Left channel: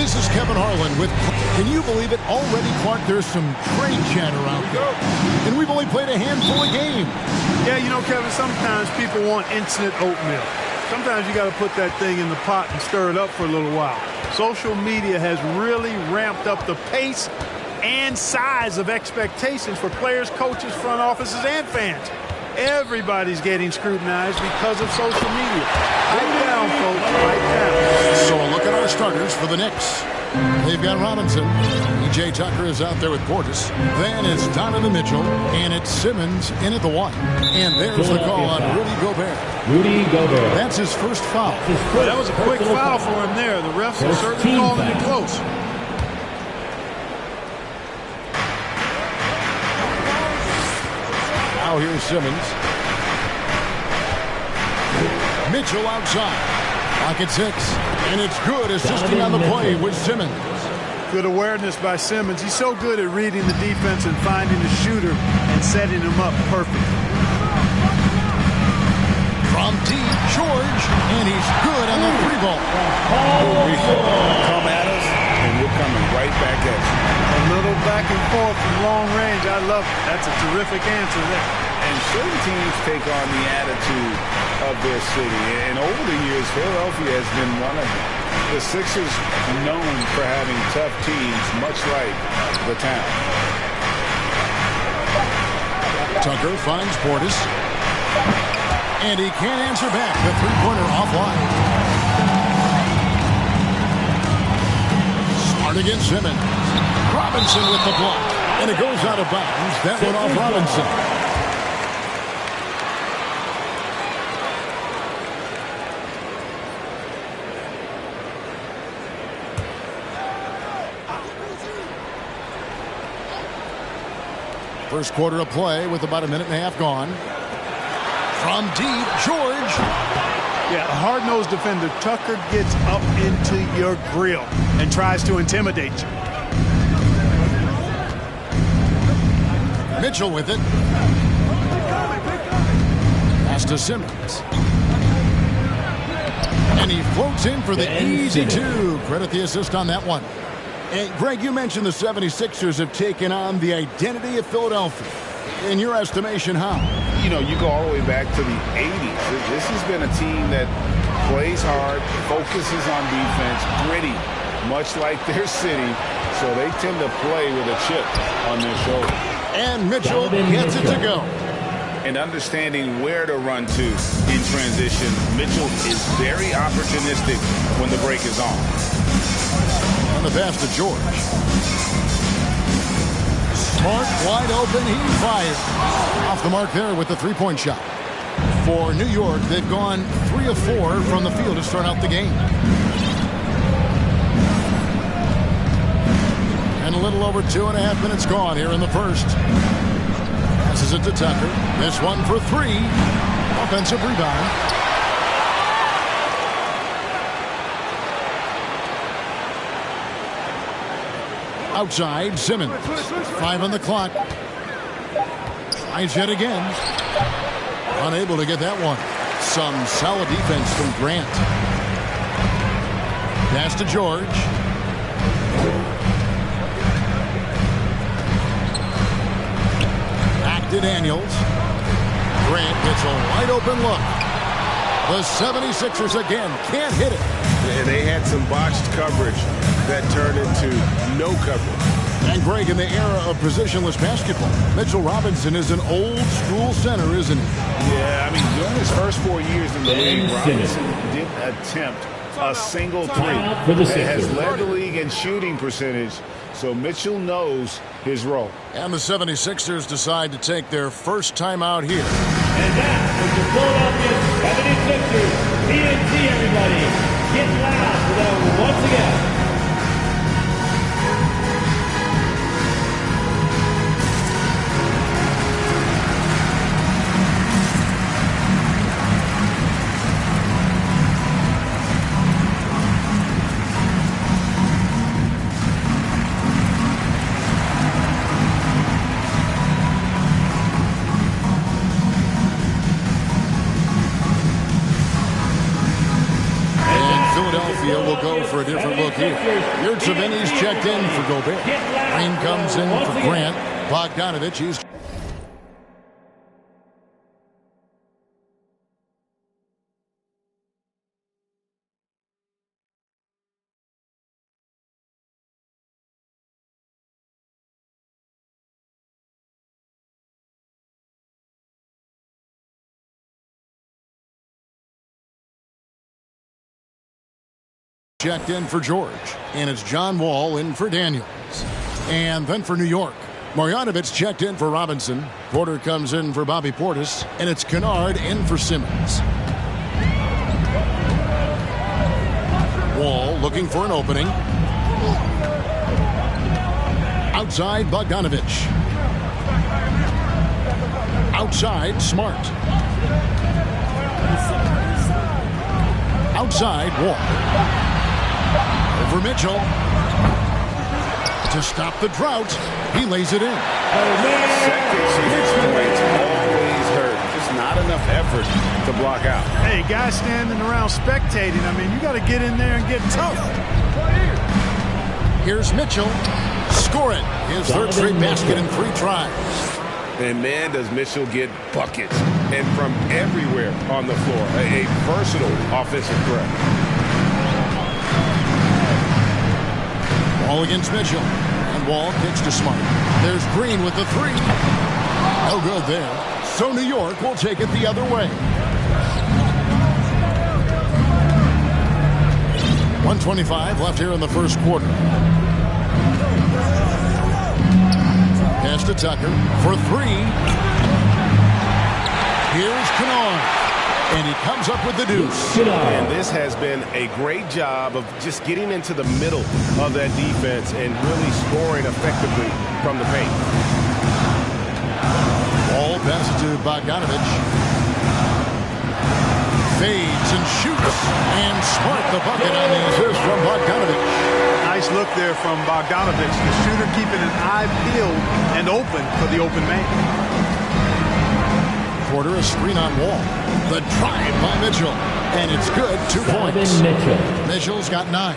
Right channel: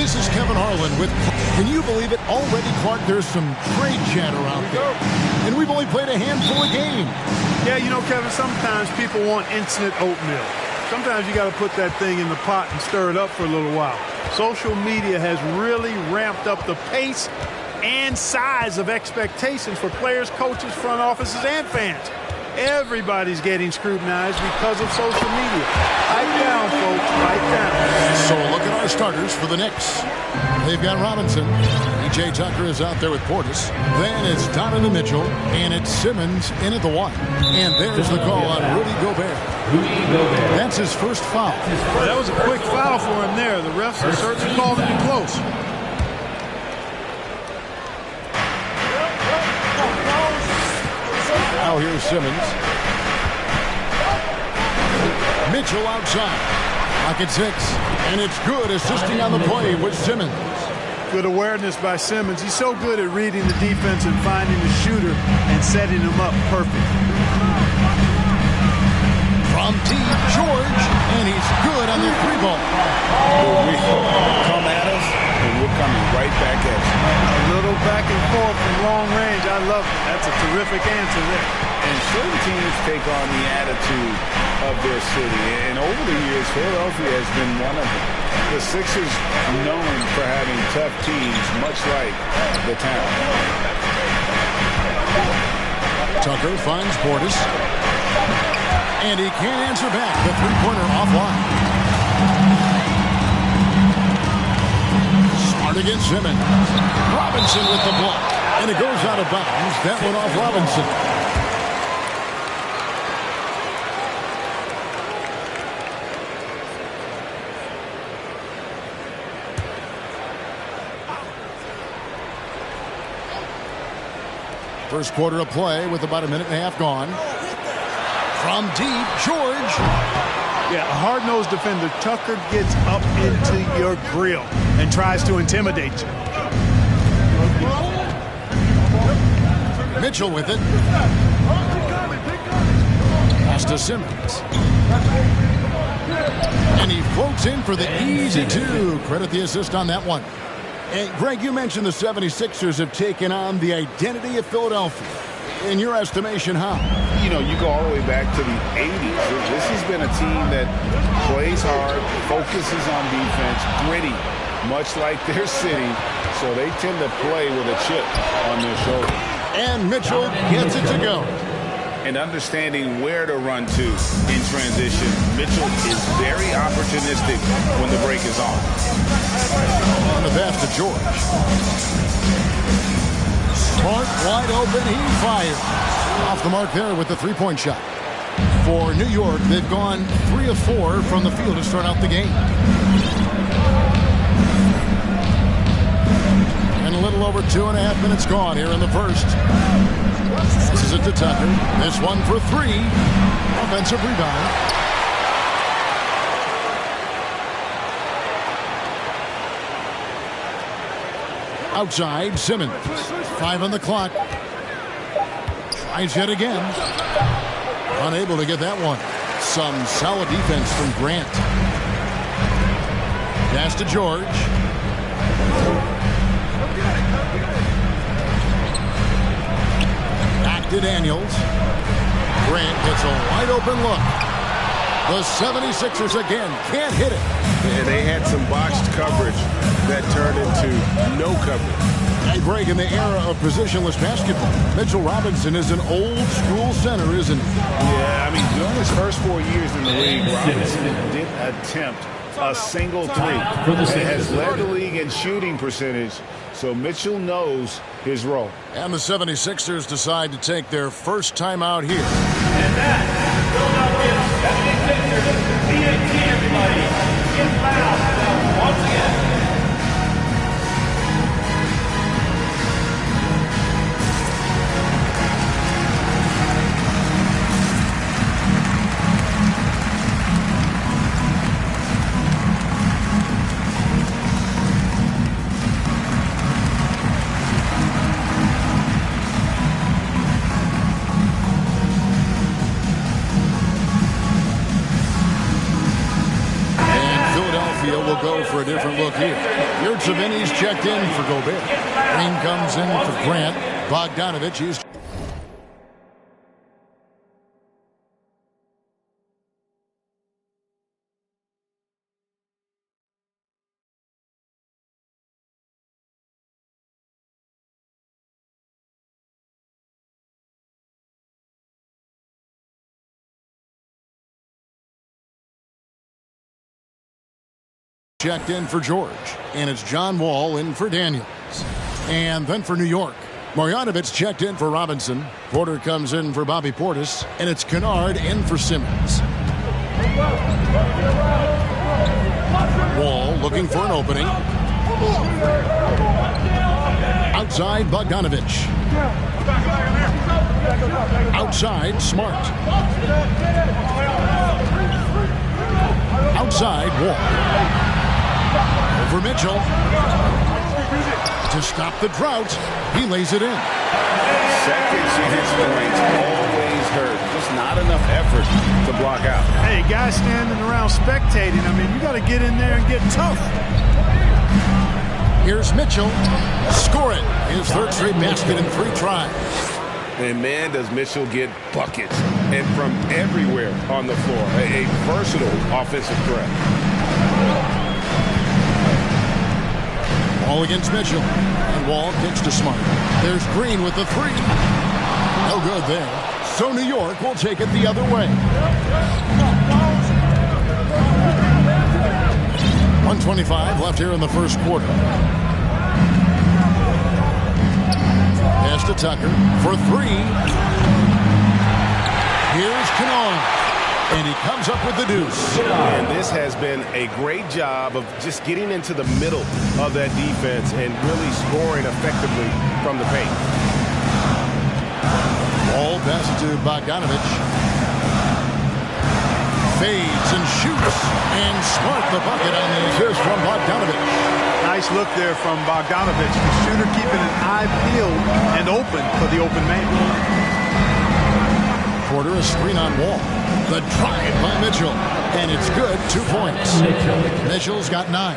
This is Kevin Harlan with... Can you believe it? Already, Clark, there's some trade chatter out there. And we've only played a handful of games. Yeah, you know, Kevin, sometimes people want instant oatmeal. Sometimes you got to put that thing in the pot and stir it up for a little while. Social media has really ramped up the pace and size of expectations for players, coaches, front offices, and fans. Everybody's getting scrutinized because of social media. Pipe down, folks. Pipe down. So a look at our starters for the Knicks. They've got Robinson. P.J. Tucker is out there with Portis. Then it's Donovan Mitchell. And it's Simmons in at the 1. And there's the call on Rudy Gobert. That's his first foul. Well, that was a quick foul for him there. The refs are certainly calling it close. Now here's Simmons. Mitchell outside. Pocket 6. And it's good, assisting on the play with Simmons. Good awareness by Simmons. He's so good at reading the defense and finding the shooter and setting him up perfect. From deep, George. And he's good on the 3-ball. Come at us, and we're coming right back at you. A little back and forth from long range. I love it. That's a terrific answer there. And certain teams take on the attitude of their city. And over the years, Philadelphia has been one of them. The Sixers known for having tough teams, much like the town. Tucker finds Portis. And he can't answer back. The three-pointer offline. Smart against Simmons. Robinson with the block. And it goes out of bounds. That one off Robinson. First quarter of play with about a minute and a half gone. From deep, George. Yeah, a hard-nosed defender. Tucker gets up into your grill and tries to intimidate you. Mitchell with it. Pass to Simmons. And he floats in for the easy 2. Credit the assist on that one. And Greg, you mentioned the 76ers have taken on the identity of Philadelphia. In your estimation, how? You know, you go all the way back to the 80s. This has been a team that plays hard, focuses on defense, gritty, much like their city. So they tend to play with a chip on their shoulder. And Mitchell gets it to go. And understanding where to run to in transition, Mitchell is very opportunistic when the break is on. On the pass to George. Smart, wide open, he fires. Off the mark there with the three-point shot. For New York, they've gone 3 of 4 from the field to start out the game. And a little over 2.5 minutes gone here in the first. Passes it to Tucker. This one for 3. Offensive rebound. Outside, Simmons. 5 on the clock. Tries yet again. Unable to get that one. Some solid defense from Grant. Pass to George. Back to Daniels. Grant gets a wide open look. The 76ers again can't hit it. And they had some botched coverage that turned into no coverage. And Greg, in the era of positionless basketball, Mitchell Robinson is an old-school center, isn't he? Yeah, I mean, during his first 4 years in the league, Robinson didn't attempt a single three. Has led the league in shooting percentage, so Mitchell knows his role. And the 76ers decide to take their first time out here. And that is the Philadelphia 76ers. TNT, everybody. Get loud for them once again. they'll go for a different look here. Yurtseveni's checked in for Gobert. Green comes in for Grant. Bogdanovich is checked in for George. And it's John Wall in for Daniels. And then for New York, Marjanovic checked in for Robinson. Porter comes in for Bobby Portis. And it's Kennard in for Simmons. Wall looking for an opening. Outside, Bogdanovich. Outside, Smart. Outside, Wall. Over Mitchell. To stop the drought, he lays it in. Second chance points always hurt. Just not enough effort to block out. Hey, guys standing around spectating. I mean, you got to get in there and get tough. Here's Mitchell. Score it. His third straight basket in 3 tries. And man, does Mitchell get buckets. And from everywhere on the floor. A versatile offensive threat. Wall against Mitchell. And Wall kicks to Smart. There's Green with the 3. No good there. So New York will take it the other way. 1:25 left here in the first quarter. Pass to Tucker for 3. Here's Kennard. And he comes up with the deuce. And this has been a great job of just getting into the middle of that defense and really scoring effectively from the paint. Ball passes to Bogdanovich. Fades and shoots. And Smart the bucket on the assist from Bogdanovich. Nice look there from Bogdanovich. The shooter keeping an eye peeled and open for the open man. Porter a screen on Wall. The drive by Mitchell. And it's good. 2 points. Mitchell's got 9.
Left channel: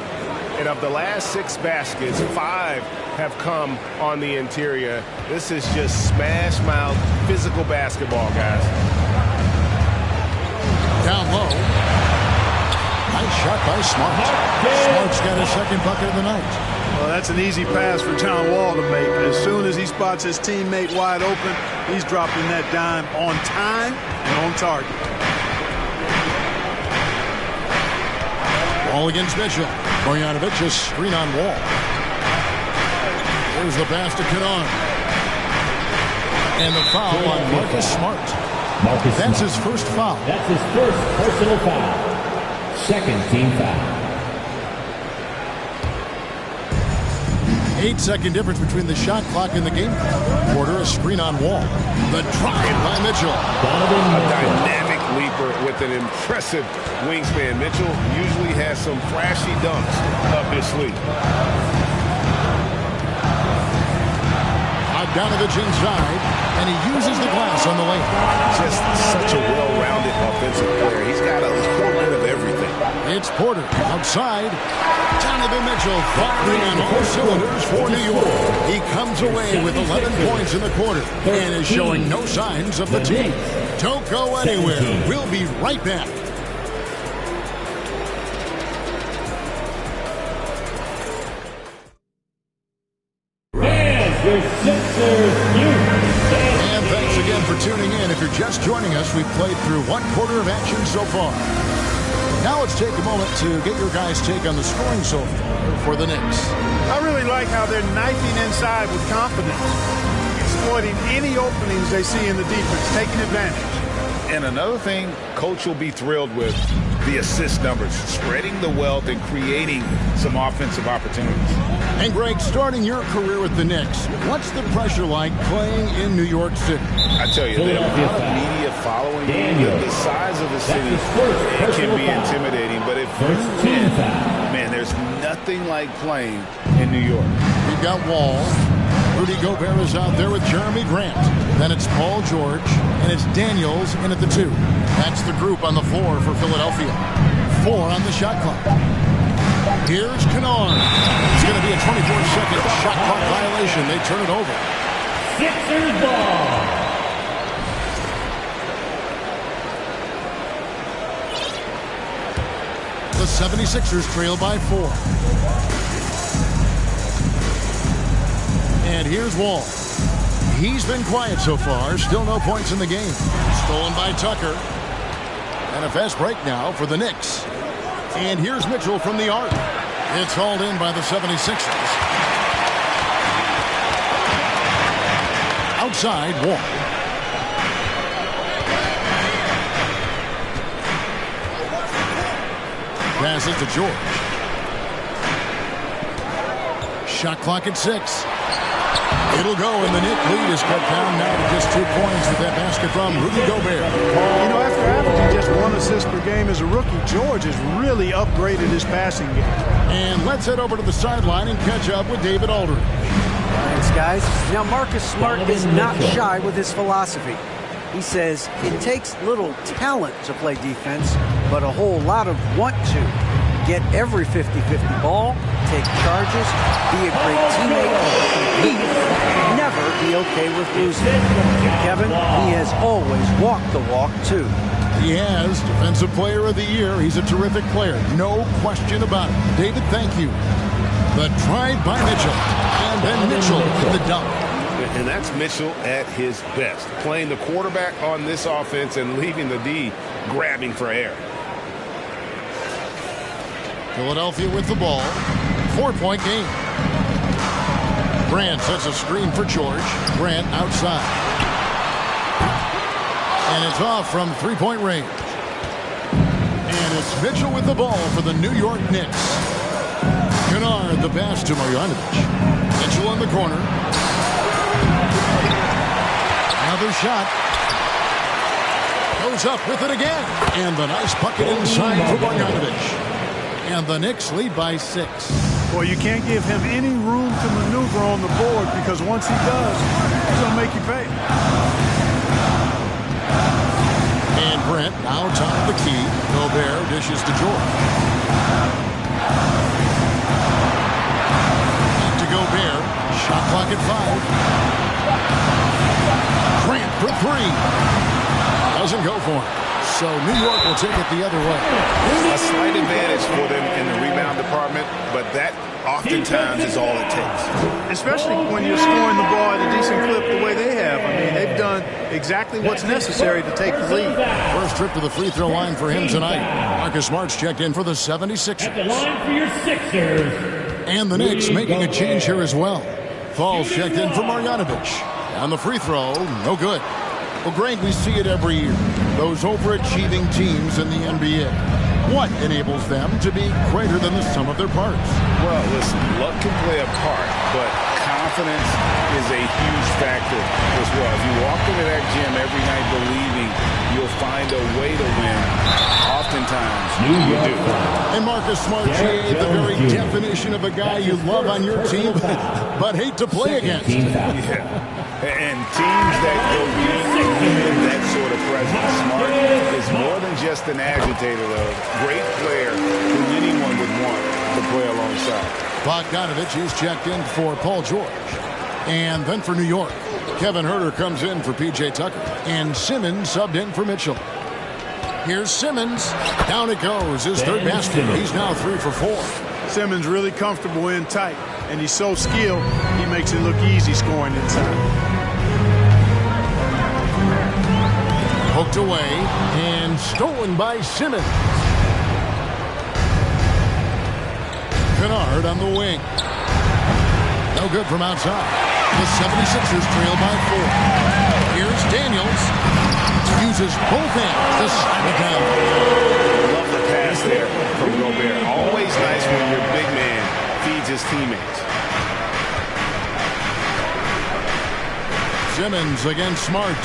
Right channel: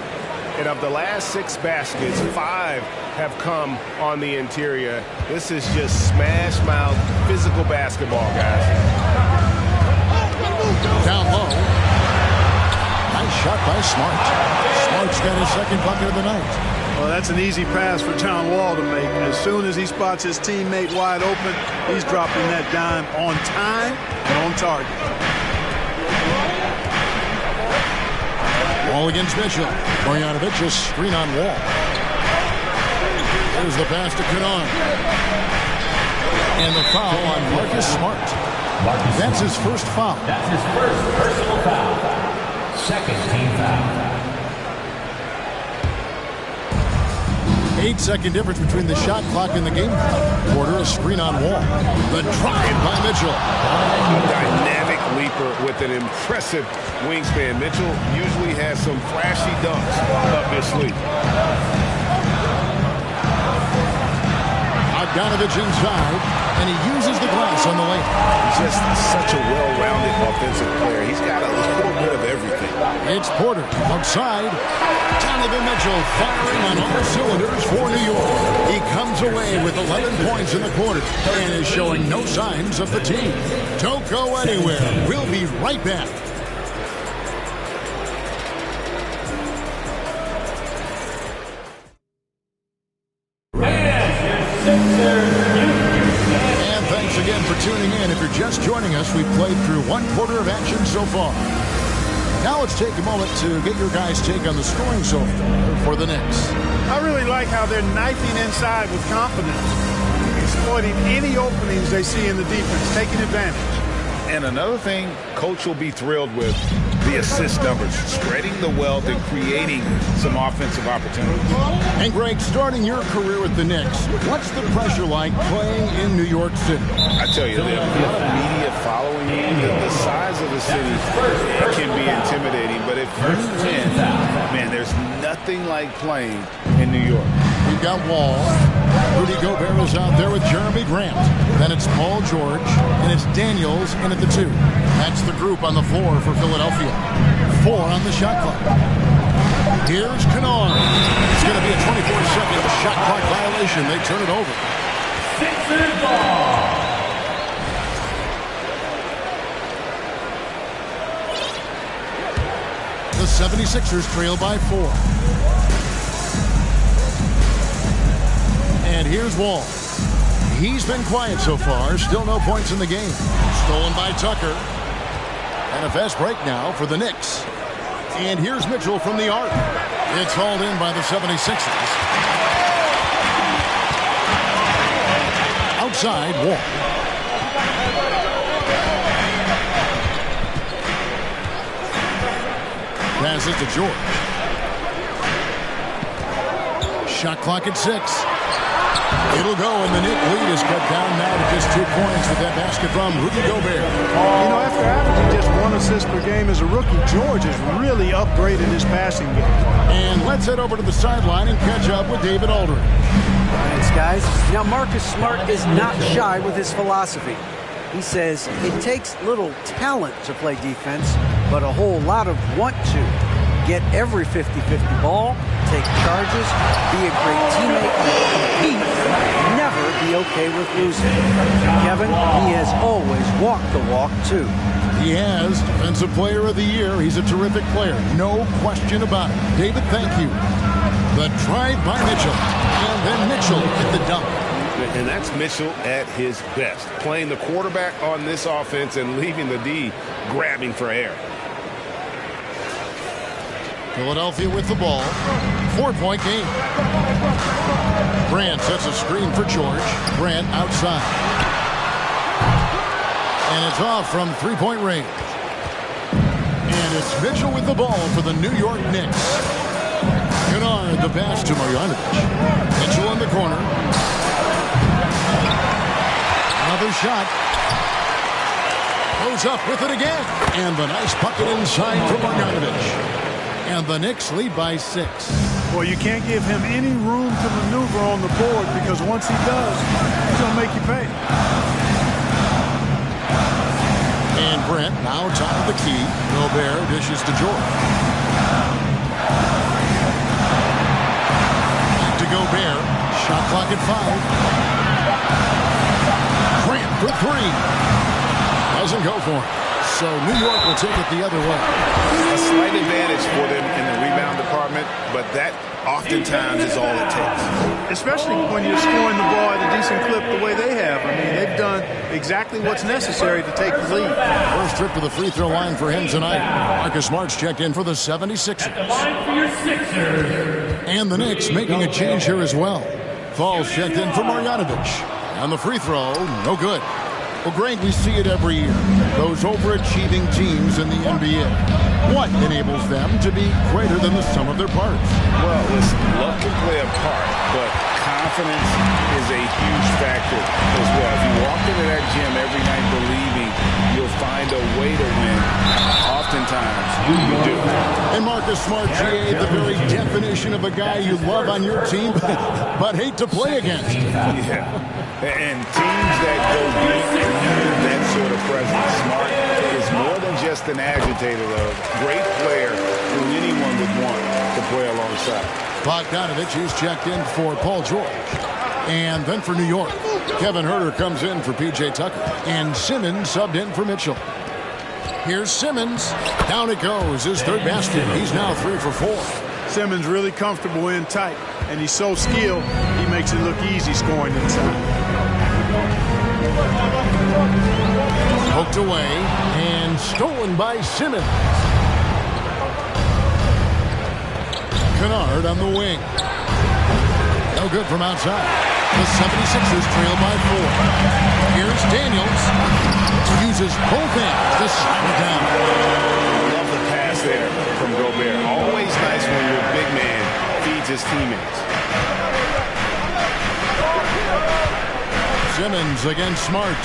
And of the last 6 baskets, 5 have come on the interior. This is just smash mouth physical basketball, guys. Down low. Nice shot by Smart. Smart's got his second bucket of the night. Well, that's an easy pass for John Wall to make. As soon as he spots his teammate wide open, he's dropping that dime on time and on target. Wall against Mitchell. Marjanovic a screen on Wall. There's the pass to Kennard. And the foul on Marcus Smart. That's his first foul. That's his first personal foul. Second team foul. 8-second difference between the shot clock and the game. Porter a screen on Wall. The drive by Mitchell. A dynamic leaper with an impressive wingspan. Mitchell usually has some flashy dunks up his sleeve. Bogdanovich inside, and he uses the glass on the layup. Just such a well-rounded offensive player. He's got a little bit of everything. It's Porter outside. Donovan Mitchell firing on all cylinders for New York. He comes away with 11 points in the quarter and is showing no signs of fatigue. Don't go anywhere. We'll be right back. And thanks again for tuning in. If you're just joining us, we've played through 1 quarter of action so far. Now let's take a moment to get your guys' take on the scoring so far for the Knicks. I really like how they're knifing inside with confidence, exploiting any openings they see in the defense, taking advantage. And another thing Coach will be thrilled with, the assist numbers, spreading the wealth and creating some offensive opportunities. And Greg, starting your career with the Knicks, what's the pressure like playing in New York City? I tell you, the amount of media following you, the size of the city, it can be intimidating. But if you win, man, there's nothing like playing in New York. We've got Wall. Rudy Gobert is out there with Jeremy Grant. Then it's Paul George, and it's Daniels in at the 2. That's the group on the floor for Philadelphia. 4 on the shot clock. Here's Kennard. It's going to be a 24-second shot clock violation. They turn it over. Sixers ball. The 76ers trail by 4. And here's Wall. He's been quiet so far. Still no points in the game. Stolen by Tucker. And a fast break now for the Knicks. And here's Mitchell from the arc. It's hauled in by the 76ers. Outside, Wall. Passes to George. Shot clock at 6. It'll go, and the Knick lead is cut down now to just 2 points with that basket from Rudy Gobert. You know, after averaging just 1 assist per game as a rookie, George has really upgraded his passing game. And let's head over to the sideline and catch up with David Aldridge. Thanks, guys. Now, Marcus Smart is not shy with his philosophy. He says it takes little talent to play defense, but a whole lot of want to. Get every 50-50 ball, take charges, be a great teammate, compete, never be okay with losing. Kevin, he has always walked the walk, too. He has. Defensive Player of the Year. He's a terrific player. No question about it. David, thank you. The drive by Mitchell. And then Mitchell at the dunk. And that's Mitchell at his best. Playing the quarterback on this offense and leaving the D grabbing for air. Philadelphia with the ball. 4-point game. Grant sets a screen for George. Grant outside. And it's off from 3-point range. And it's Mitchell with the ball for the New York Knicks. Kennard the pass to Marjanovic. Mitchell in the corner. Another shot. Goes up with it again. And the nice bucket inside for Marjanovic. And the Knicks lead by 6. Well, you can't give him any room to maneuver on the board because once he does, he's going to make you pay. And Brent now top of the key. Gobert dishes to George. Back to Gobert. Shot clock at 5. Grant for 3. Doesn't go for him. So New York will take it the other way. A slight advantage for them in the rebound department, but that oftentimes is all it takes. Especially when you're scoring the ball at a decent clip the way they have. I mean, they've done exactly what's necessary to take the lead. First trip to the free throw line for him tonight. Marcus Smart's checked in for the 76ers. At the line for your Sixers. And the Knicks making a change here as well. Falls checked in for Marjanovic. And the free throw, no good. Well, Greg, we see it every year. Those overachieving teams in the NBA. What enables them to be greater than the sum of their parts? Well, listen, luck can play a part, but confidence is a huge factor as well. If you walk into that gym every night believing you'll find a way to win, oftentimes you do. And Marcus Smart, GA, the very definition of a guy you love on your team, but hate to play against. Yeah. And teams that go deep need that sort of presence. Smart is more than just an agitator, though. Great player who anyone would want to play alongside. Bogdanovich, he's checked in for Paul George. And then for New York, Kevin Huerter comes in for P.J. Tucker. And Simmons subbed in for Mitchell. Here's Simmons. Down it goes. His third basket. He's now 3 for 4. Simmons really comfortable in tight, and he's so skilled, he makes it look easy scoring inside. Poked away and stolen by Simmons. Kennard on the wing. No good from outside. The 76ers trail by 4. Here's Daniels. Uses both hands to slam it down. Love the pass there from Gobert. Always nice when your big man feeds his teammates. Simmons against Smart.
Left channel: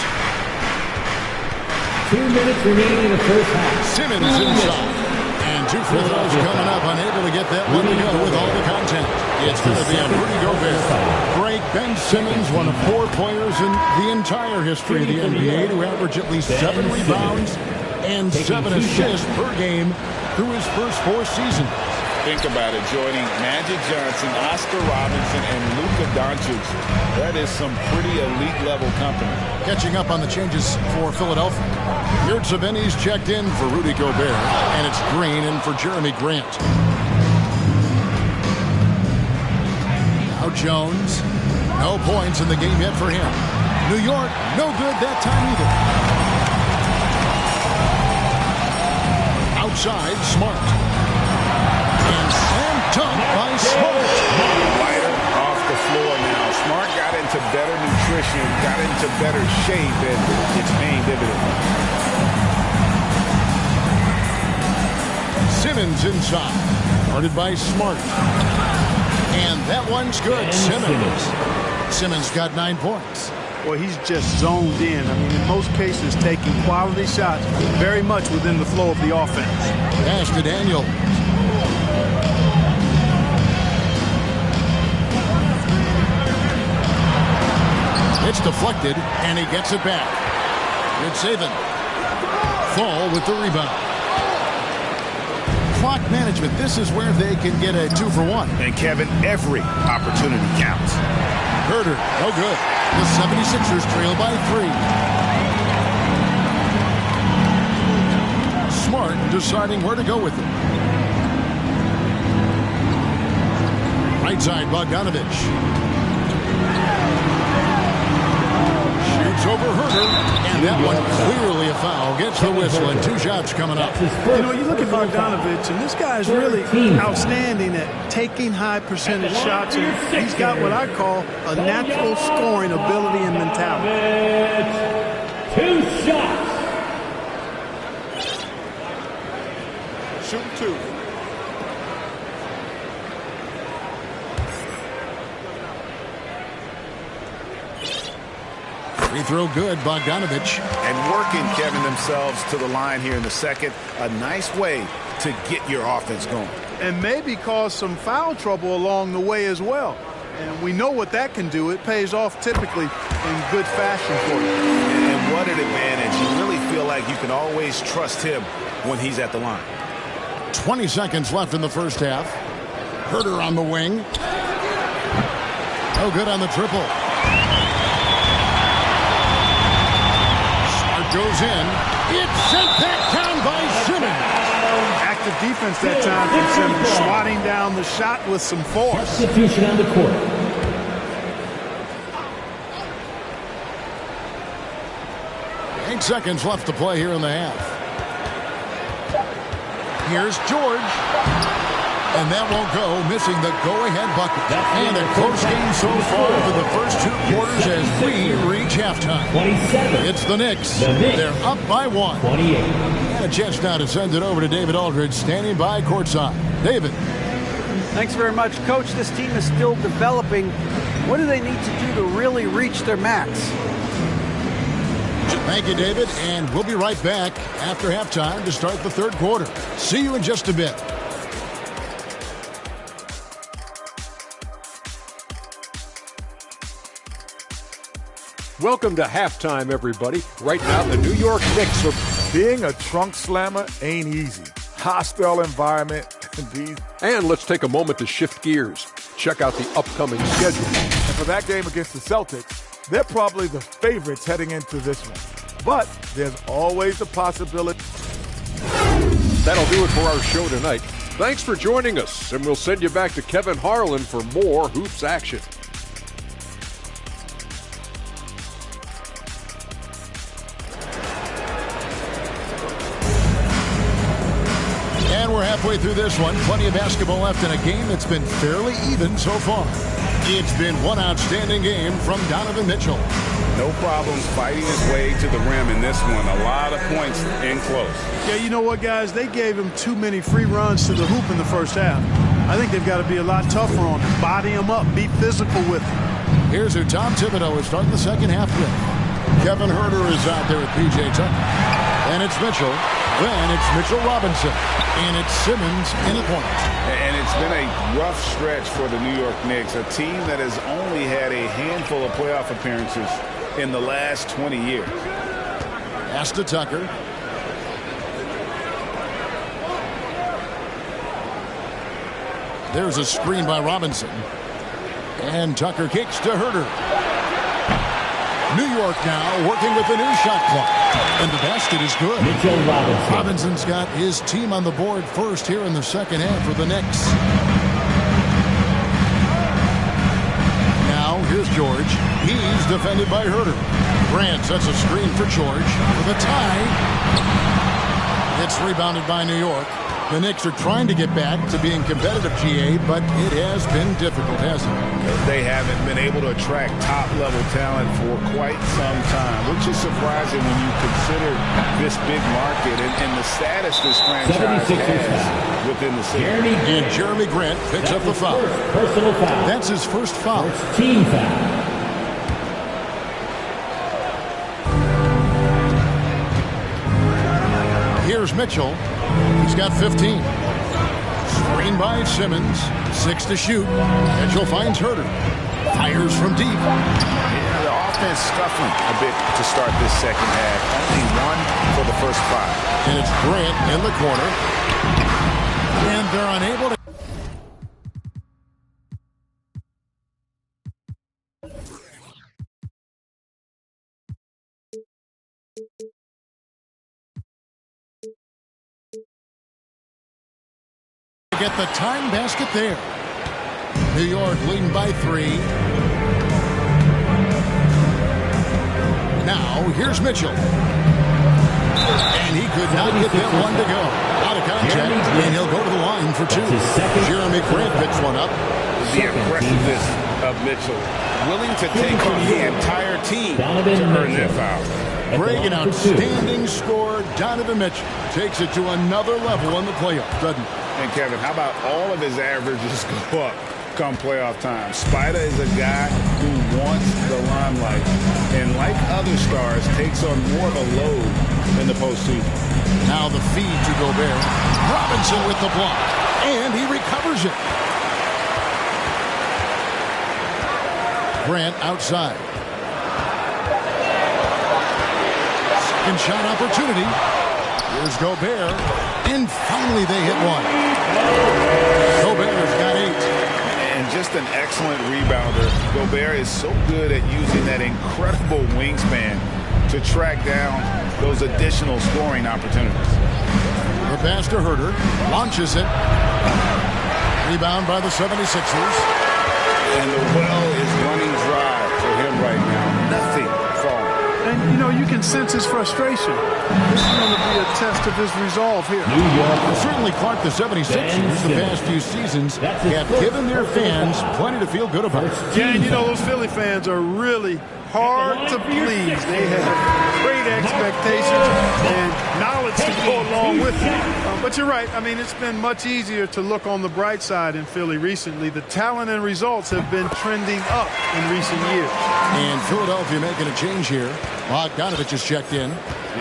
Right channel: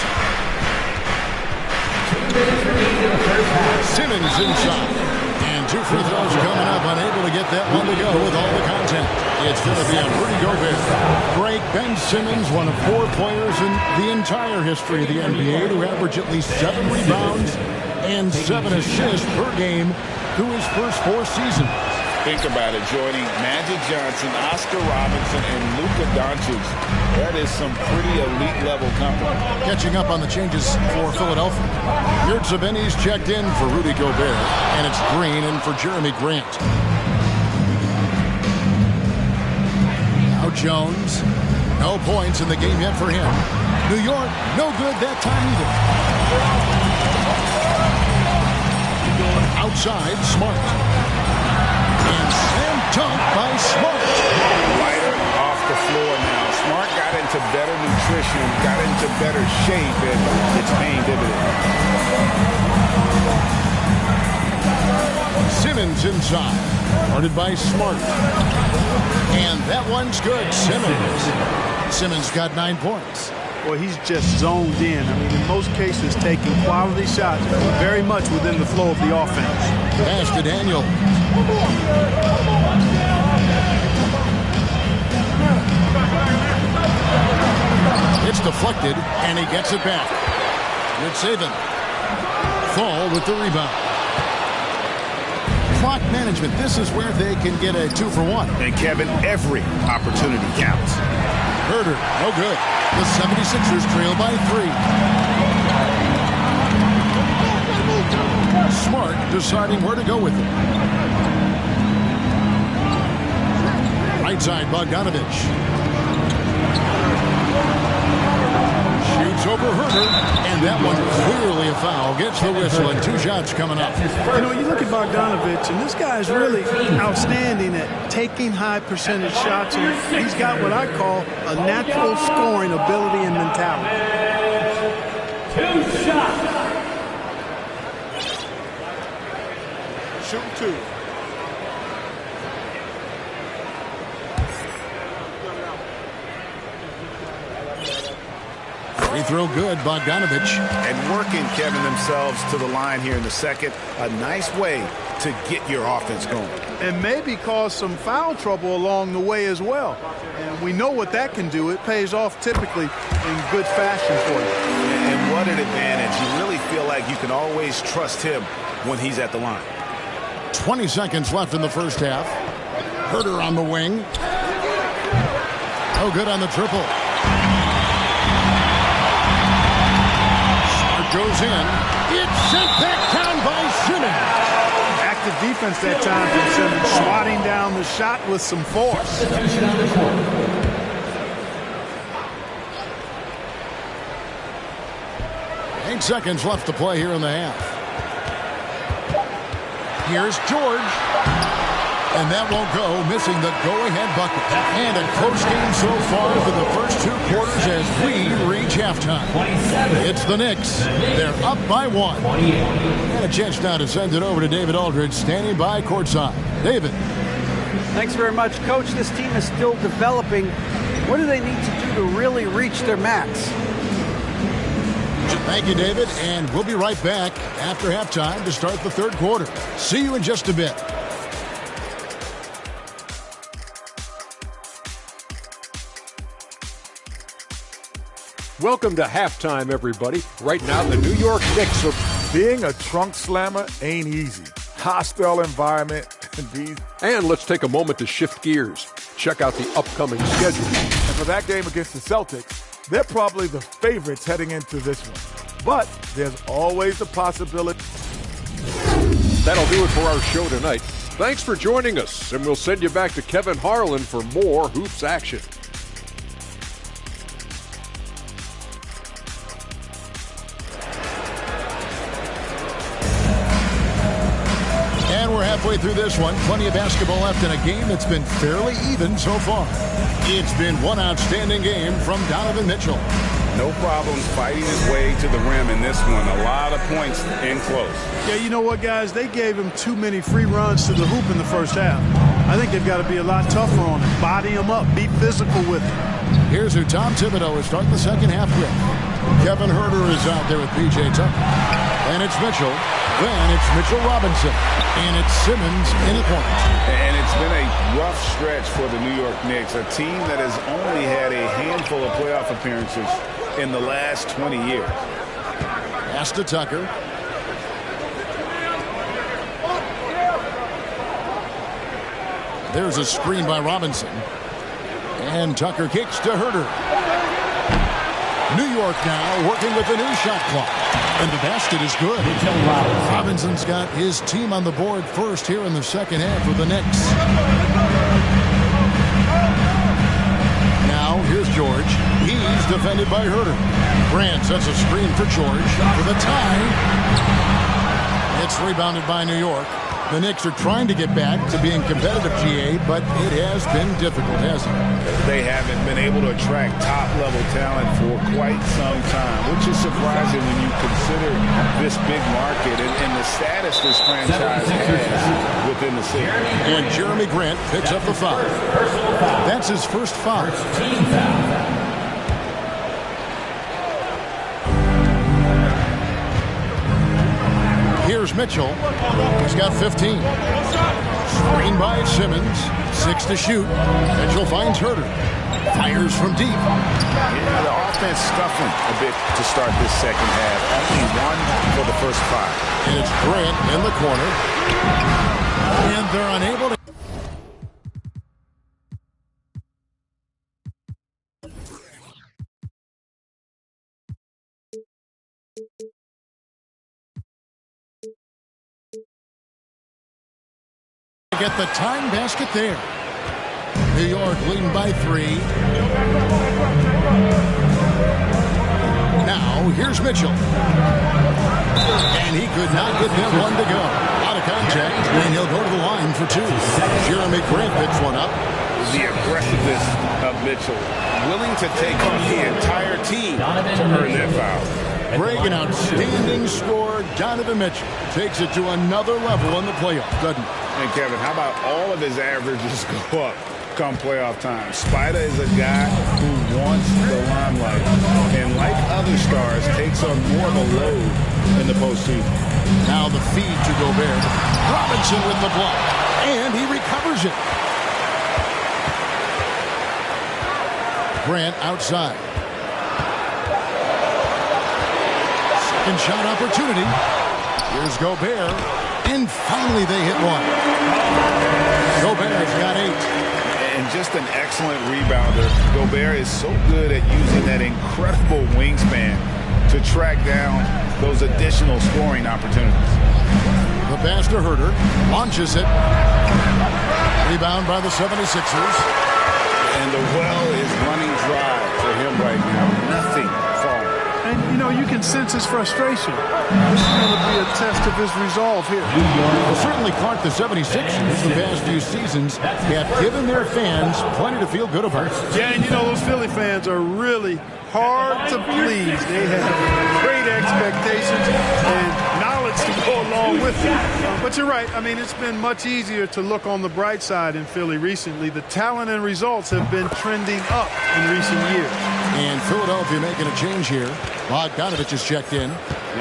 2 minutes remaining in the first half. Simmons inside. And 2 free throws coming up. Unable to get that one to go with all the content. It's going to be on Rudy Gobert. Great Ben Simmons, one of 4 players in the entire history of the NBA to average at least 7 rebounds and 7 assists per game through his first 4 seasons. think about it, joining Magic Johnson, Oscar Robinson, and Luka Doncic. That is some pretty elite level company. Catching up on the changes for Philadelphia. Yurtseven's checked in for Rudy Gobert, and it's Green in for Jeremy Grant. Now Jones. No points in the game yet for him. New York, no good that time either. Outside, Smart. And slam dunk by Smart. Lighter off the floor now. Smart got into better nutrition, got into better shape, and it's paying dividends. Simmons inside. Guarded by Smart. And that one's good. Simmons got 9 points. Well, he's just zoned in. I mean, in most cases, taking quality shots very much within the flow of the offense. Pass to Daniel. It's deflected, and he gets it back. Good saving. Fall with the rebound. Clock management. This is where they can get a 2-for-1. And Kevin, every opportunity counts. Herder, no good. The 76ers trail by 3. Smart deciding where to go with it. Right side, Bogdanovich. Shoots over Herder, and that one clearly a foul. Gets the whistle, and 2 shots coming up. You know, you look at Bogdanovich, and this guy is really outstanding at taking high percentage shots, and he's got what I call a natural scoring ability and mentality. 2 shots. Shooting 2. Free throw good, Bogdanovich. And working, Kevin, themselves to the line here in the second. A nice way to get your offense going. And maybe cause some foul trouble along the way as well. And we know what that can do. It pays off typically in good fashion for you. And what an advantage. You really feel like you can always trust him when he's at the line. 20 seconds left in the first half. Herder on the wing. No good on the triple. Smart goes in. It's sent back down by Simmons. Active defense that time from Simmons, swatting down the shot with some force. Substitution on the court. Eight seconds left to play here in the half. Here's George. And that won't go, missing the go-ahead bucket. And a close game so far for the first 2 quarters as we reach halftime. 27. It's the Knicks. They're up by 1. 28. And a chance now to send it over to David Aldridge, standing by courtside. David. Thanks very much, Coach. This team is still developing. What do they need to do to really reach their max? Thank you, David. And we'll be right back after halftime to start the third quarter. See you in just a bit. Welcome to halftime, everybody. Right now, the New York Knicks are... Being a trunk slammer ain't easy. Hostile environment. And let's take a moment to shift gears. Check out the upcoming schedule. And for that game against the Celtics, they're probably the favorites heading into this one. But there's always the possibility. That'll do it for our show tonight. Thanks for joining us, and we'll send you back to Kevin Harlan for more hoops action. And we're halfway through this one. Plenty of basketball left in a game that's been fairly even so far. It's been one outstanding game from Donovan Mitchell. No problems fighting his way to the rim in this one. A lot of points in close. Yeah, you know what, guys? They gave him too many free runs to the hoop in the first half. I think they've got to be a lot tougher on him. Body him up. Be physical with him. Here's who Tom Thibodeau is starting the second half with. Kevin Herder is out there with P.J. Tucker. Then it's Mitchell. Then it's Mitchell Robinson. And it's Simmons in at point. And it's been a rough stretch for the New York Knicks, a team that has only had a handful of playoff appearances in the last 20 years. Pass to Tucker. There's a screen by Robinson. And Tucker kicks to Herter. New York now working with the new shot clock. And the basket is good. Robinson's got his team on the board first here in the second half for the Knicks. Now here's George. He's defended by Herter. Grant sets a screen for George for the tie. It's rebounded by New York. The Knicks are trying to get back to being competitive, GA, but it has been difficult, hasn't it? They haven't been able to attract top-level talent for quite some time, which is surprising when you consider this big market and the status this franchise has within the city. And Jeremy Grant picks up the foul. Personal foul. That's his first foul. First team foul. Here's Mitchell. He's got 15. Screen by Simmons. 6 to shoot. Mitchell finds Herter. Fires from deep. Yeah, the offense scuffling a bit to start this second half. Only 1 for the first 5. And it's Grant in the corner. And they're unable to. Get the tying basket there. New York leading by 3. Now here's Mitchell. And he could not get that one to go. Out of contact, and he'll go to the line for 2. Jeremy Grant picks one up. The aggressiveness of Mitchell, willing to take on the entire team to earn that foul. Greg, an outstanding scorer. Donovan Mitchell takes it to another level in the playoffs, doesn't he? And Kevin, how about all of his averages go up come playoff time? Spider is a guy who wants the limelight, and like other stars, takes on more of a load in the postseason. Now the feed to Gobert. Robinson with the block, and he recovers it. Grant outside. Second shot opportunity. Here's Gobert, and finally they hit one. Gobert's got 8. And just an excellent rebounder. Gobert is so good at using that incredible wingspan to track down those additional scoring opportunities. The pass to Herter. Launches it. Rebound by the 76ers. And the well is running dry for him right now. Nothing falling. And, you know, you can sense his frustration. This is going to be a test of his resolve here. New York. Well, certainly, Clark, the 76ers, the past few seasons, have given their fans plenty to feel good about. Yeah, and, you know, those Philly fans are really hard to please. They have great expectations and knowledge to go along with it. But you're right. I mean, it's been much easier to look on the bright side in Philly recently. The talent and results have been trending up in recent years. And Philadelphia making a change here. Bogdanovich has checked in.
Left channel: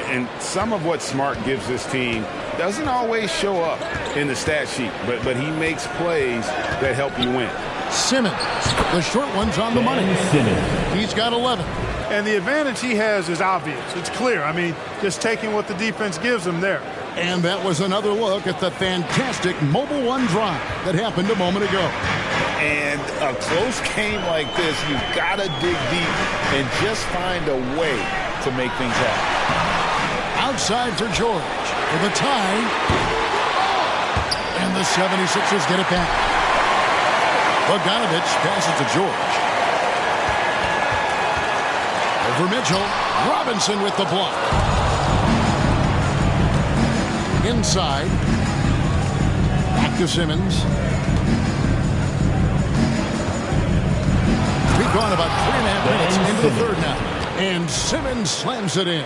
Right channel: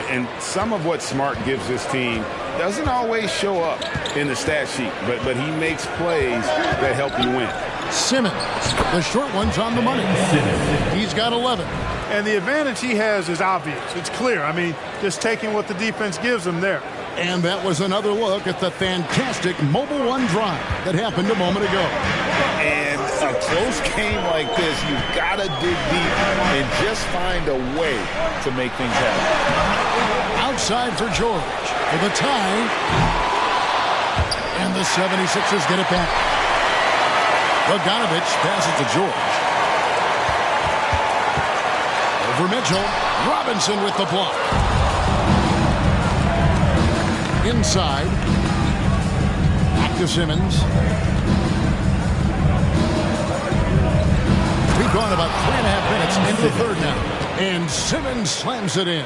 And some of what Smart gives this team doesn't always show up in the stat sheet, but he makes plays that help you win. Simmons, the short one's on the money. He's got 11. And the advantage he has is obvious. It's clear. I mean, just taking what the defense gives him there. And that was another look at the fantastic Mobile One drive that happened a moment ago. And a close game like this, you've got to dig deep and just find a way to make things happen. Outside for George for the tie. And the 76ers get it back. Bogdanovich passes to George. Over Mitchell. Robinson with the block. Inside. Back to Simmons. We've gone about 3.5 minutes into the third now. And Simmons slams it in.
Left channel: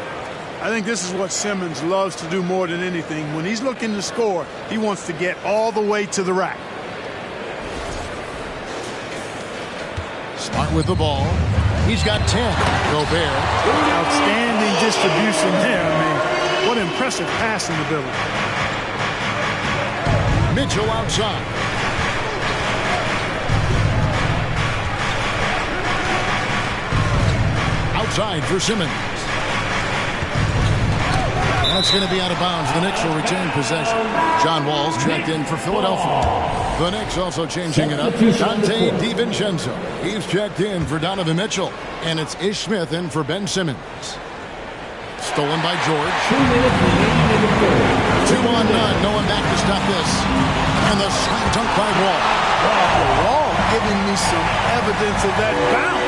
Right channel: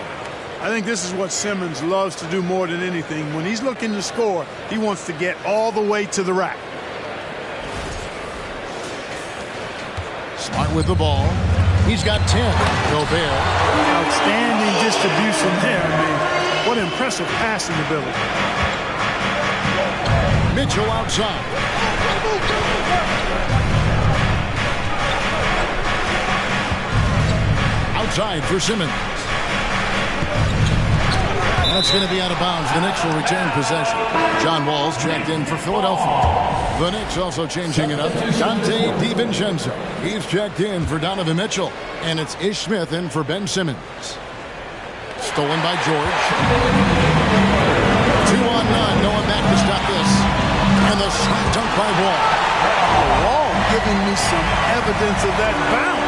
I think this is what Simmons loves to do more than anything. When he's looking to score, he wants to get all the way to the rack. Smart with the ball. He's got 10. Gobert. Outstanding distribution there. I mean, what impressive passing ability. Mitchell outside. Outside for Simmons. That's going to be out of bounds. The Knicks will retain possession. John Wall's checked in for Philadelphia. The Knicks also changing it up. Dante DiVincenzo. He's checked in for Donovan Mitchell. And it's Ish Smith in for Ben Simmons. Stolen by George. 2-on-none. No one back to stop this. And the slam dunk by Wall. Wall giving me some evidence of that bounce.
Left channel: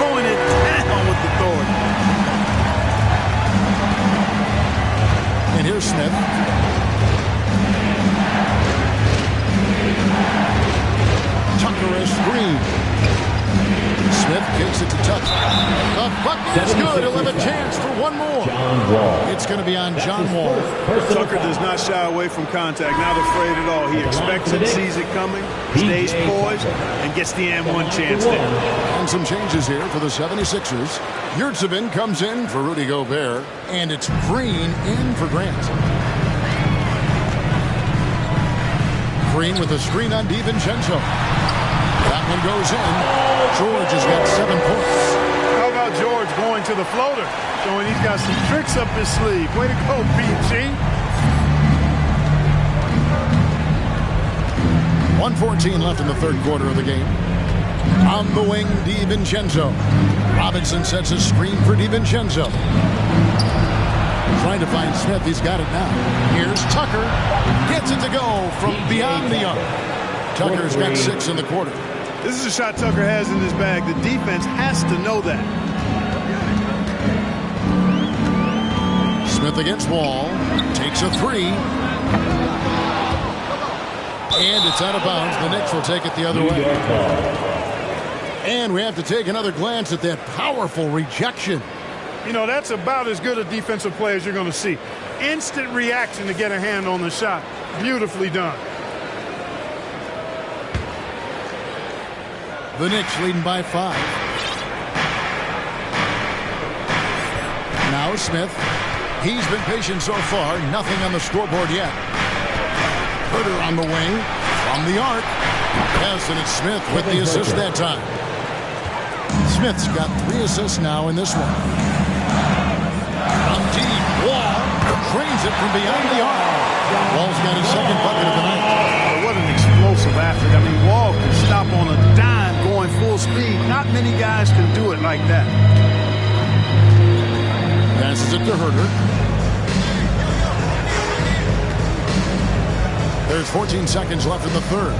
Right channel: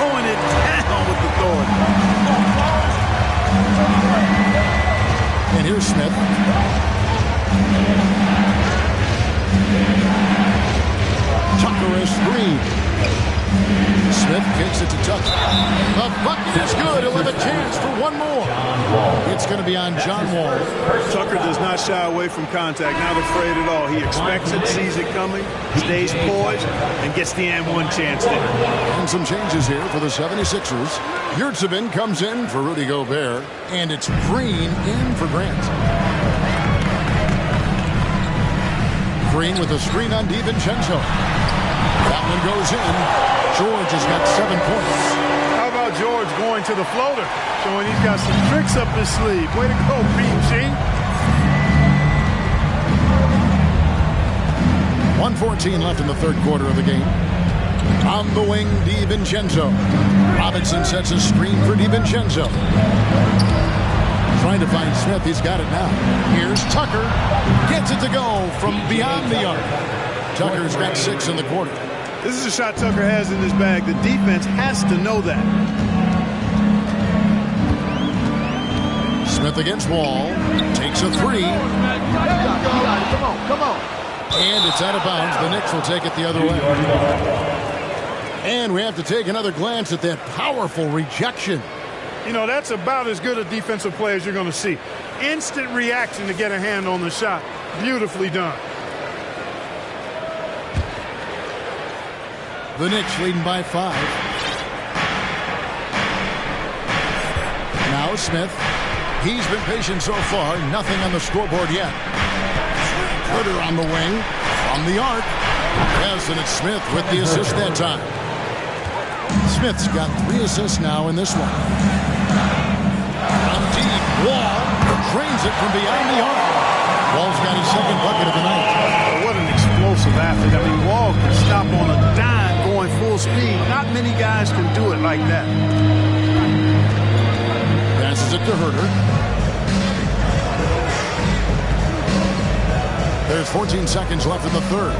Throwing it down with authority. And here's Smith. Tucker is screen. Smith kicks it to Tucker. The bucket is good. He'll have a chance for one more. It's going to be on John Wall. Tucker does not shy away from contact. Not afraid at all. He expects it, sees it coming, stays poised, and gets the and one chance there. And some changes here for the 76ers. Yurtsevin comes in for Rudy Gobert, and it's Green in for Grant. Green with a screen on DiVincenzo. That one goes in. George has got 7 points. How about George going to the floater? Showing he's got some tricks up his sleeve. Way to go, PG. 1:14 left in the third quarter of the game. On the wing, DiVincenzo. Robinson sets a screen for DiVincenzo. Trying to find Smith. He's got it now. Here's Tucker. Gets it to go from beyond the arc. Tucker's got 6 in the quarter. This is a shot Tucker has in his bag. The defense has to know that. Smith against Wall. Takes a 3. Come on. And it's out of bounds. The Knicks will take it the other way. And we have to take another glance at that powerful rejection. You know, that's about as good a defensive play as you're going to see. Instant reaction to get a hand on the shot. Beautifully done. The Knicks leading by 5. Now Smith. He's been patient so far. Nothing on the scoreboard yet. Herter on the wing. From the arc. Yes, and it's Smith with the assist that time. Smith's got 3 assists now in this one. From deep. Wall drains it from beyond the arc. Wall's got his second bucket of the night. What an explosive athlete. I mean, Wall can stop on a dime going full speed. Not many guys can do it like that. Passes it to Herter. There's 14 seconds left in the third.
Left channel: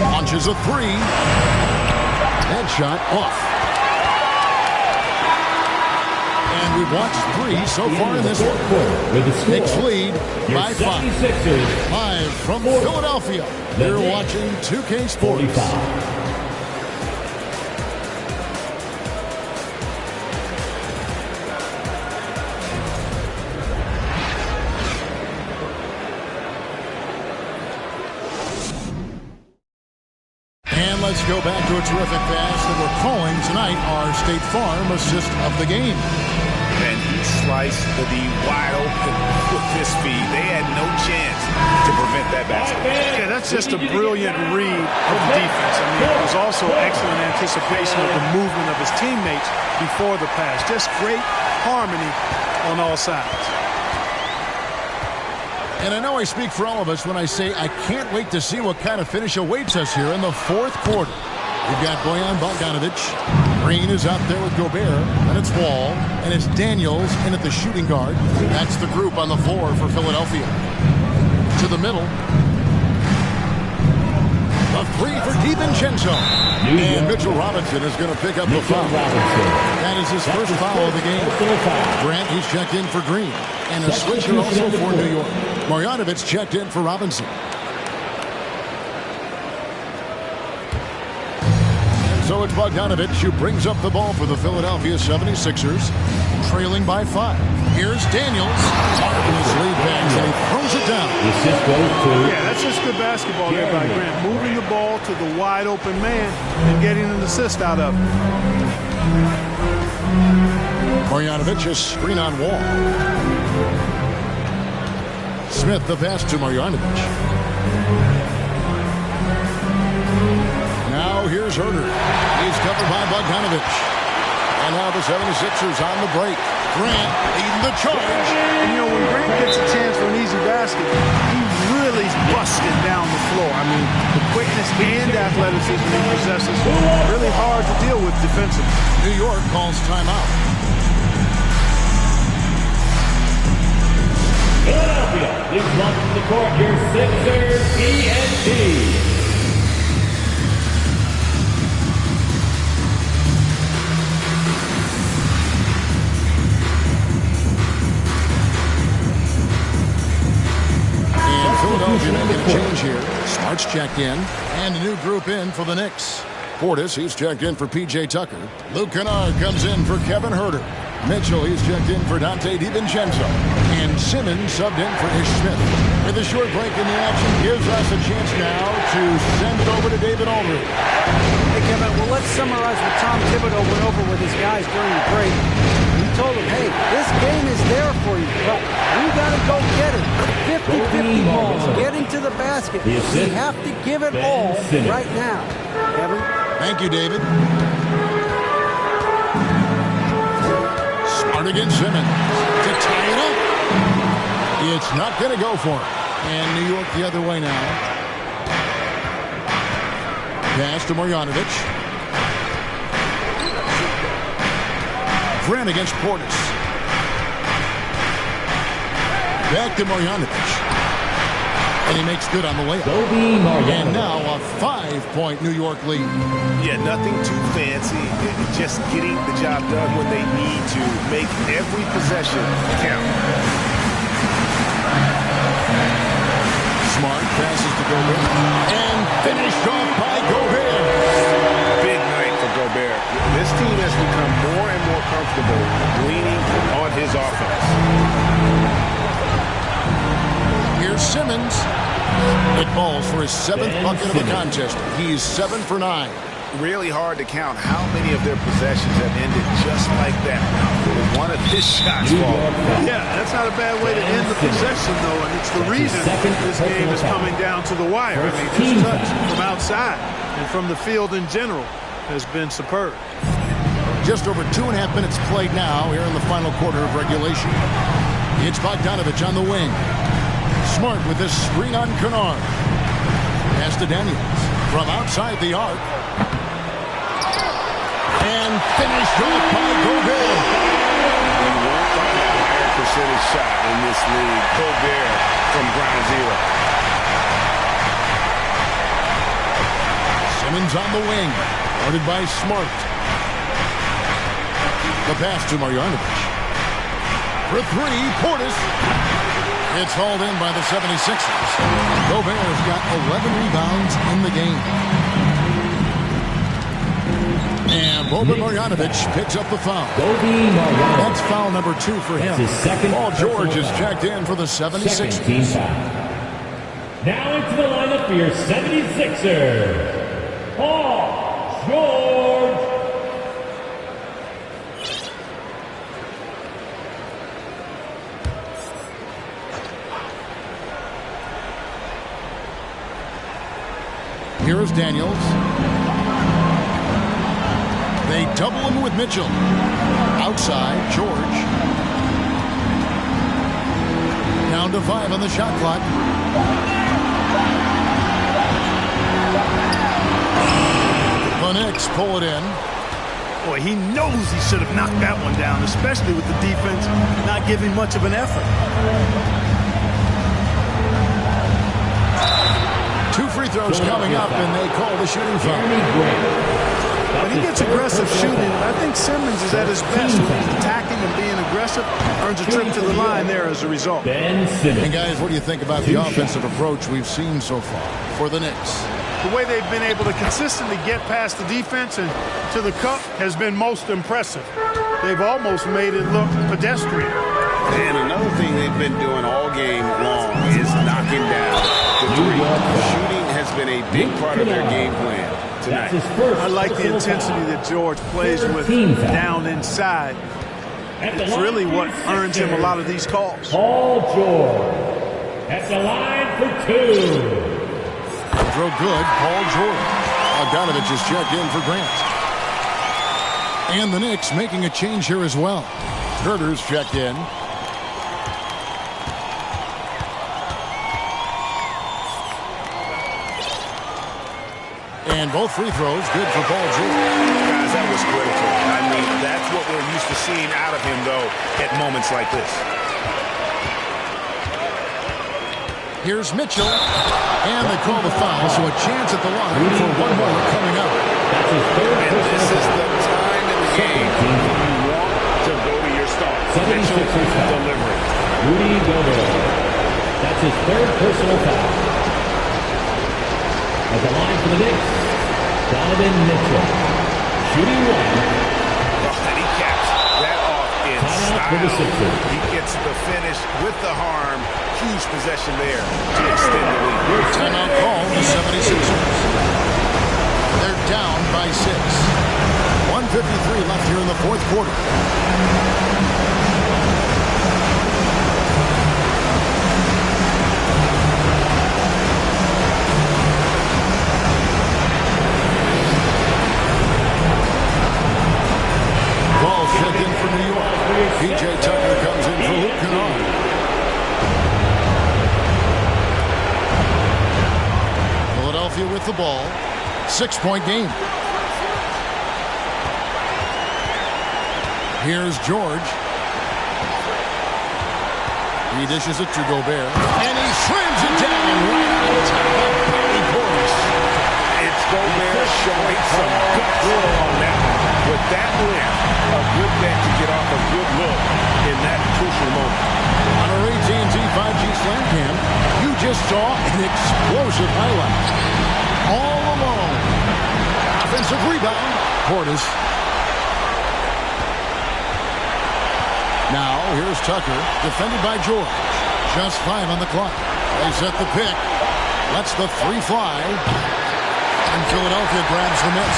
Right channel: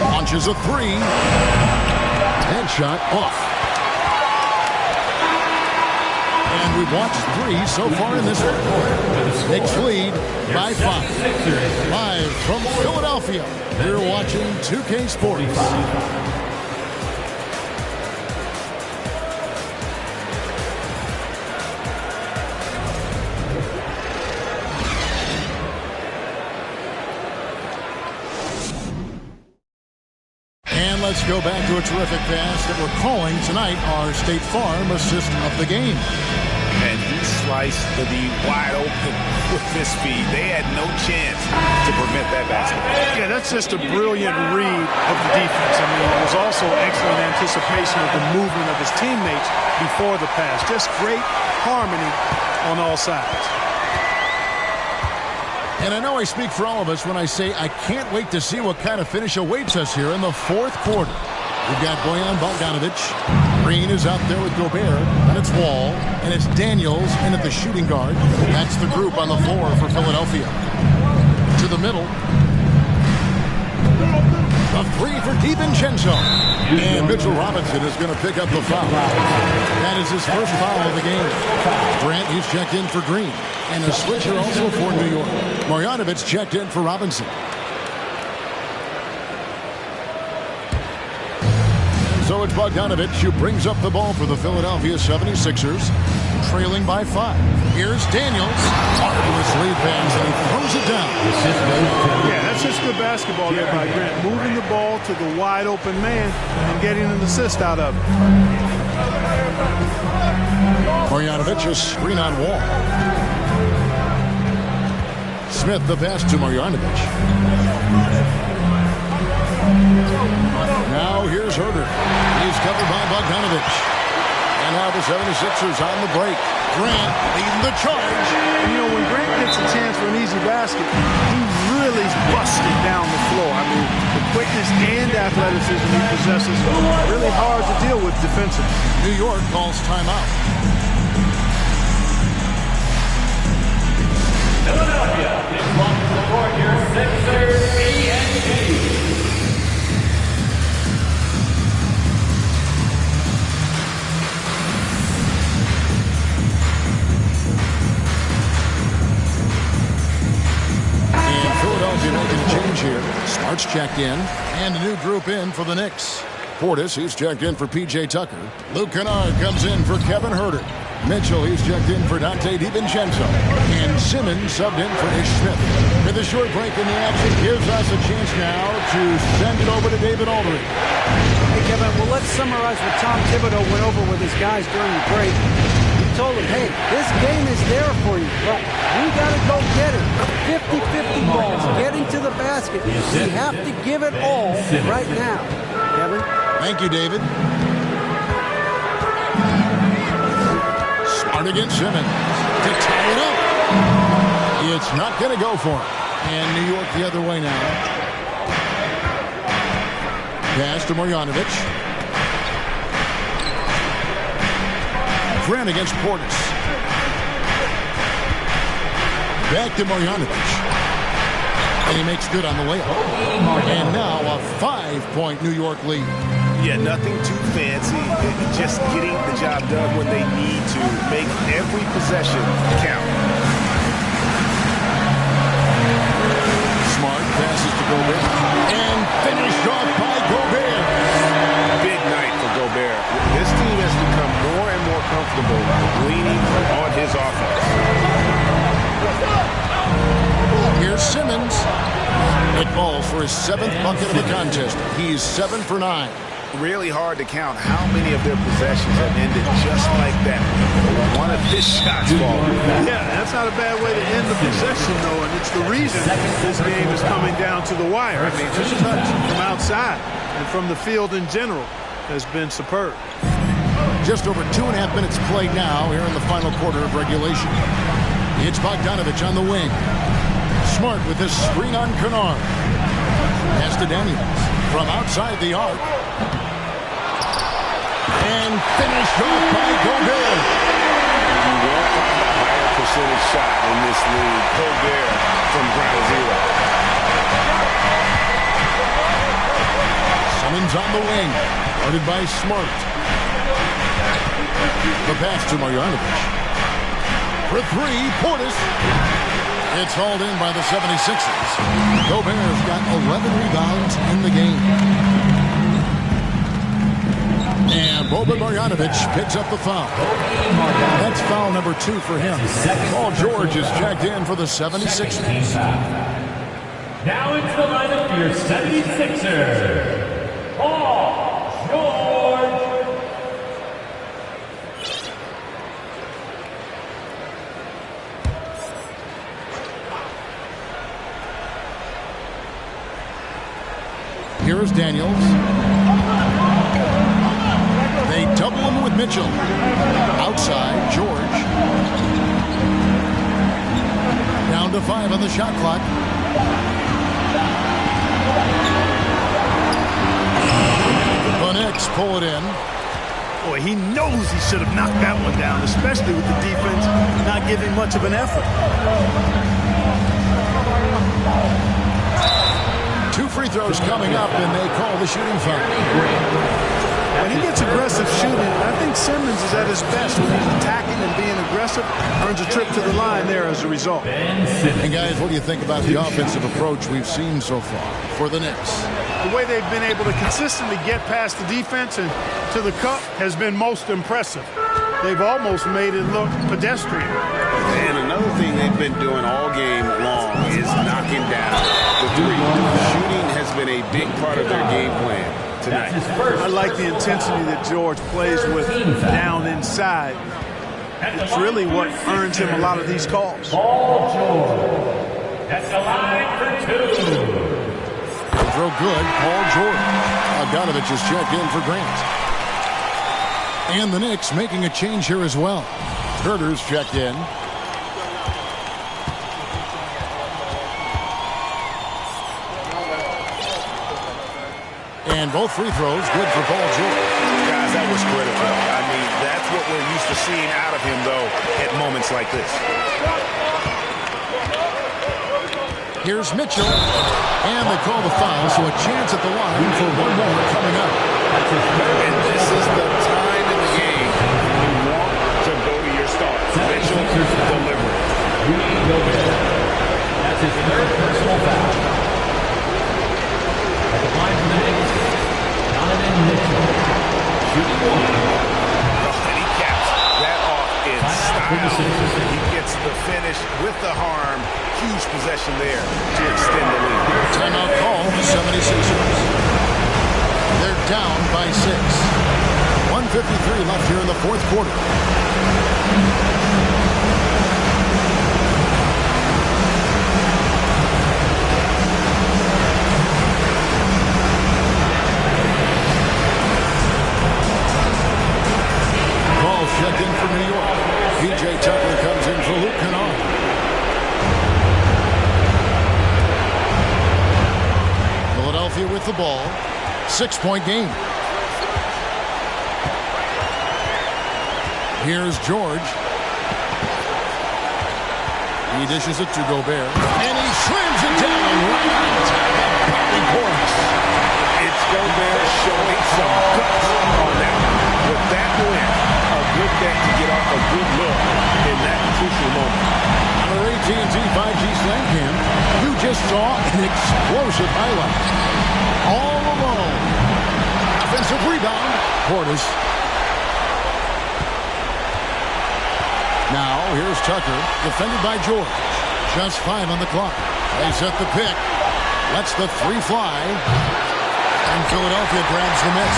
Launches a 3. That shot off. And we've watched 3 so far in this one. Knicks lead by 5. Live from Philadelphia, you're watching 2K Sports. And let's go back to a terrific pass that we're calling tonight our State Farm assist of the game. And he sliced the D wide open with his speed. They had no chance to prevent that basket. Yeah, that's just a brilliant read of the defense. I mean, it was also excellent anticipation of the movement of his teammates before the pass. Just great harmony on all sides. And I know I speak for all of us when I say I can't wait to see what kind of finish awaits us here in the fourth quarter. We've got Bojan Bogdanovic. Green is out there with Gobert. Then it's Wall. And it's Daniels in at the shooting guard. That's the group on the floor for Philadelphia. To the middle. The 3 for DiVincenzo. And Mitchell Robinson is going to pick up the foul. That is his first foul of the game. Grant, he's checked in for Green. And a switcher also for New York. Marjanovic checked in for Robinson. So it's Bogdanovic who brings up the ball for the Philadelphia 76ers, trailing by 5. Here's Daniels. Marvelous lead pass, and he throws it down. Yeah, that's just good basketball there by Grant. Moving the ball to the wide open man and getting an assist out of it. Marjanovic, a screen on Wall. Smith, the pass to Marjanovic. Now here's Herter. He's covered by Bogdanovic. And now the 76ers on the break. Grant leading the charge. And, you know, when Grant gets a chance for an easy basket, he really busted down the floor. I mean, the quickness and athleticism he possesses, really hard to deal with defensively. New York calls timeout. Philadelphia is welcome to the court, your Sixers TNT. Philadelphia making a change here. Smart's checked in. And a new group in for the Knicks. Portis, he's checked in for P.J. Tucker. Luke Kennard comes in for Kevin Huerter. Mitchell, he's checked in for Dante DiVincenzo. And Simmons subbed in for Ish Smith. With a short break in the action, gives us a chance now to send it over to David Aldridge. Hey, Kevin, well, let's summarize what Tom Thibodeau went over with his guys during the break. He told them, hey, this game is there for you, but we got to go get it. 50-50 balls, getting to the basket. We have to give it all right now. Kevin? Thank you, David. Smart against Simmons to tie it up. It's not going to go for him. And New York the other way now. Pass to Marjanovic. Grant against Portis. Back to Marjanovic. And he makes good on the layup. And now a 5-point New York lead. Yeah, nothing too fancy. Just getting the job done when they need to. Make every possession count. Smart passes to Gobert. And finished off by Gobert. Big night for Gobert. This team has become more and more comfortable leaning on his offense. Here's Simmons. It falls for his 7th bucket of the contest. He's 7 for 9. Really hard to count how many of their possessions have ended just like that. With one of his shots falling. Yeah, that's not a bad way to end the possession, though, and it's the reason this game is coming down to the wire. I mean, his touch from outside and from the field in general has been superb. Just over 2.5 minutes played now here in the final quarter of regulation. It's Bogdanovich on the wing. Smart with this screen on Kennard. Pass to Daniels from outside the arc. And finished off by Gobert. You won't find a higher percentage shot in this league. Gobert from ground zero. Simmons on the wing. Guarded by Smart. The pass to Marjanovic. For 3, Portis. It's hauled in by the 76ers. Gobert's got 11 rebounds in the game. And Boban Marjanovic picks up the foul. That's foul number 2 for him. Paul George is checked in for the 76ers. Now into the lineup for your 76ers, Paul George. Here's Daniels. They double him with Mitchell. Outside, George. Down to 5 on the shot clock. The Knicks pull it in. Boy, he knows he should have knocked that one down, especially with the defense not giving much of an effort. 2 free throws coming up, and they call the shooting foul. When he gets aggressive shooting, I think Simmons is at his best when he's attacking and being aggressive. Earns a trip to the line there as a result. And guys, what do you think about the offensive approach we've seen so far for the Knicks? The way they've been able to consistently get past the defense and to the cup has been most impressive. They've almost made it look pedestrian. And another thing they've been doing all game long is knocking down the 3. Shooting has been a big part of their game plan tonight. I like the intensity that George plays with down inside. It's really what earns him a lot of these calls. Paul George at the line for 2. Throw good, Paul George. Bogdanovich is checked in for Grant. And the Knicks making a change here as well. Herder's checked in. And both free throws good for Paul George. Guys, that was critical. I mean, that's what we're used to seeing out of him, though, at moments like this. Here's Mitchell. And they call the foul, so a chance at the line for one more coming up. And this is the time in the game you want to go to your start. Mitchell delivering. Rudy Gobert. That's his third personal foul. At the line for the Knicks, Donovan Mitchell. Shooting one. Oh, and he caps that off in style. He gets the finish with the harm. Huge possession there to extend the lead. Timeout call, the 76ers. They're down by 6. 1:53 left here in the fourth quarter. Ball checked in for New York. P.J. Tucker comes in for Luke Kennard. Philadelphia with the ball. 6-point game. Here's George. He dishes it to Gobert. And he slams it down right on top of Bobby Portis. It's Gobert showing some guts on that one. With that win, a good bet to get off a good look in that crucial moment. On our AT&T 5G Slam Cam, you just saw an explosive highlight. All alone. Offensive rebound. Portis. Now, here's Tucker, defended by George. Just 5 on the clock. They set the pick. Lets the 3 fly. And Philadelphia grabs the miss.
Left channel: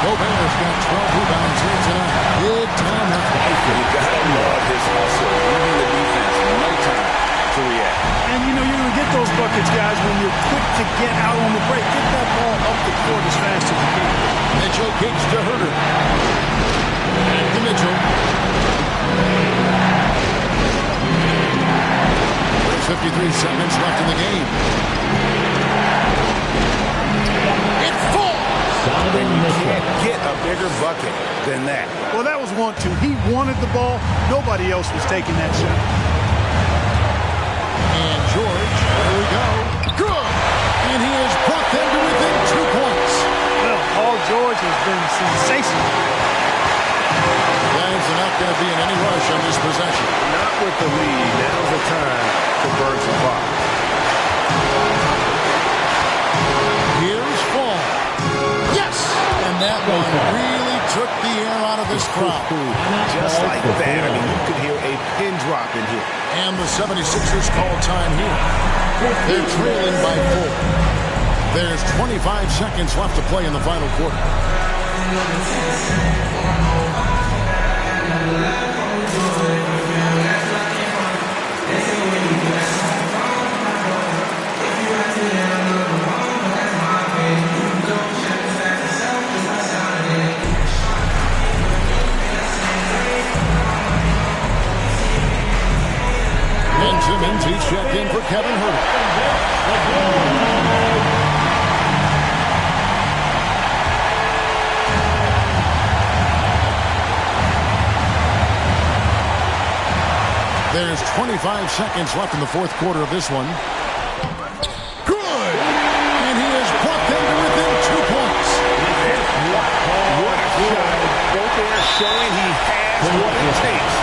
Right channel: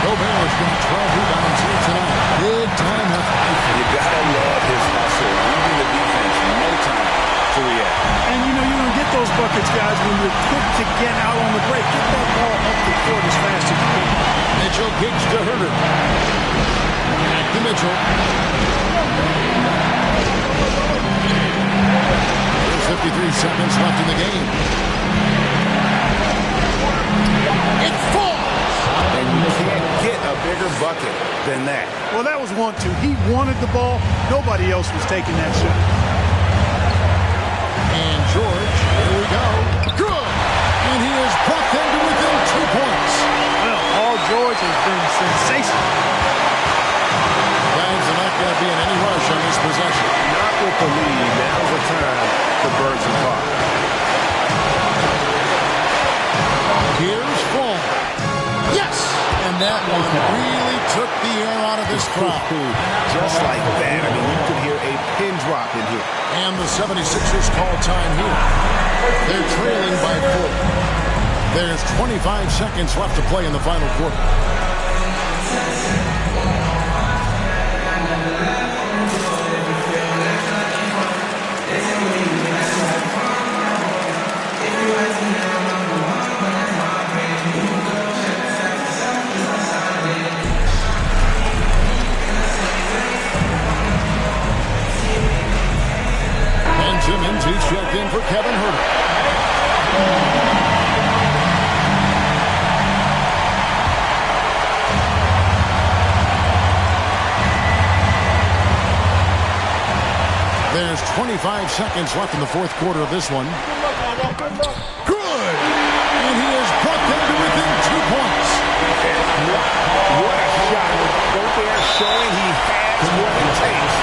Gobert's got 12 rebounds here tonight. Big time effort. You gotta love his hustle. Leaving the defense no time to react. And you know you're going to get those buckets, guys, when you're quick to get out on the break. Get that ball up the court as fast as you can. Mitchell kicks to Herder. Back to Mitchell. There's 53 seconds left in the game. It falls! And you can't get a bigger bucket than that. Well, that was 1-2. He wanted the ball. Nobody else was taking that shot. And George, here we go. Good! And he has brought them to within 2 points. Well, Paul George has been sensational. Guys, they're not going to be in any rush on this possession. Not with the lead. Now's the time to burn some clock. Here's Fall. Yes! And that one really took the air out of this crowd. Just like that. I mean, you could hear a pin drop in here. And the 76ers call time here. They're trailing by 4. There's 25 seconds left to play in the final quarter. Simmons, he's checked in for Kevin Herter. There's 25 seconds left in the fourth quarter of this one. Good! And he has brought them to within 2 points. Wow, what a shot. Gobert showing he has what it takes.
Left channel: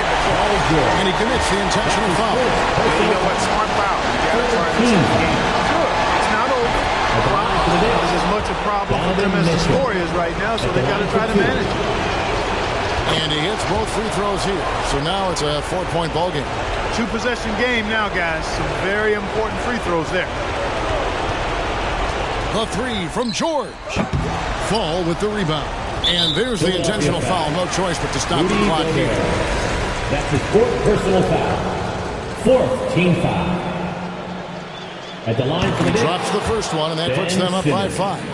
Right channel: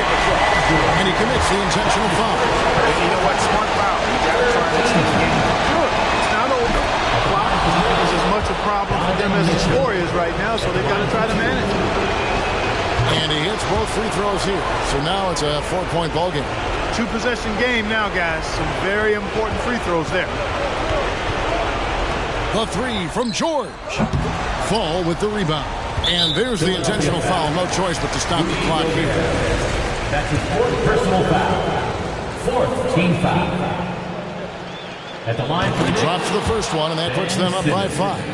And he commits the intentional foul. And you know what? Smart foul. You got to try and extend the game. Sure. It's not over. Clock is as much a problem for them as the score is right now, so they've got to try to manage it. And he hits both free throws here. So now it's a 4-point ball game. 2-possession game now, guys. Some very important free throws there. The 3 from George. Fall with the rebound. And there's the intentional foul. No choice but to stop the clock here. That's his 4th personal foul. 4th team foul. At the line for he drops the first one, and that puts them up by 5.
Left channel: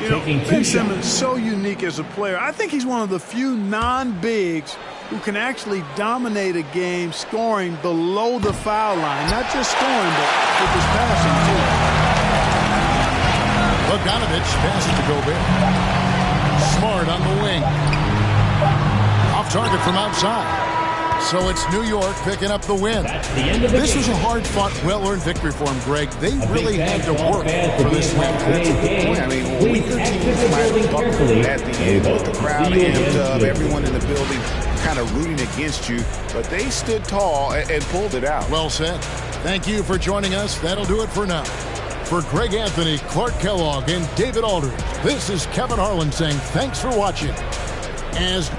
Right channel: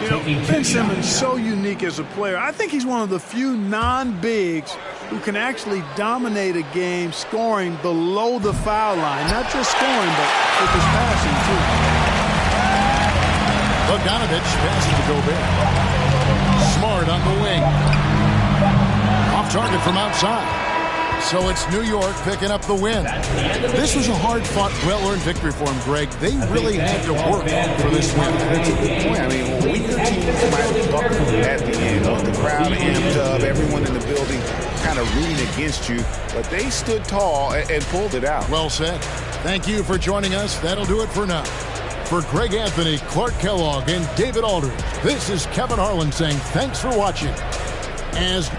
You know, Ben Simmons is so unique as a player. I think he's one of the few non-bigs who can actually dominate a game scoring below the foul line. Not just scoring, but with his passing, too. Bogdanovich passes to Gobert. Smart on the wing. Off target from outside. So it's New York picking up the win. This was a hard-fought, well-earned victory for them, Greg. They really had to work for this win. That's a good point. I mean, weaker teams might have buckled at the end with the crowd amped up, everyone in the building kind of rooting against you, but they stood tall and pulled it out. Well said. Thank you for joining us. That'll do it for now. For Greg Anthony, Clark Kellogg, and David Aldridge, this is Kevin Harlan saying thanks for watching. As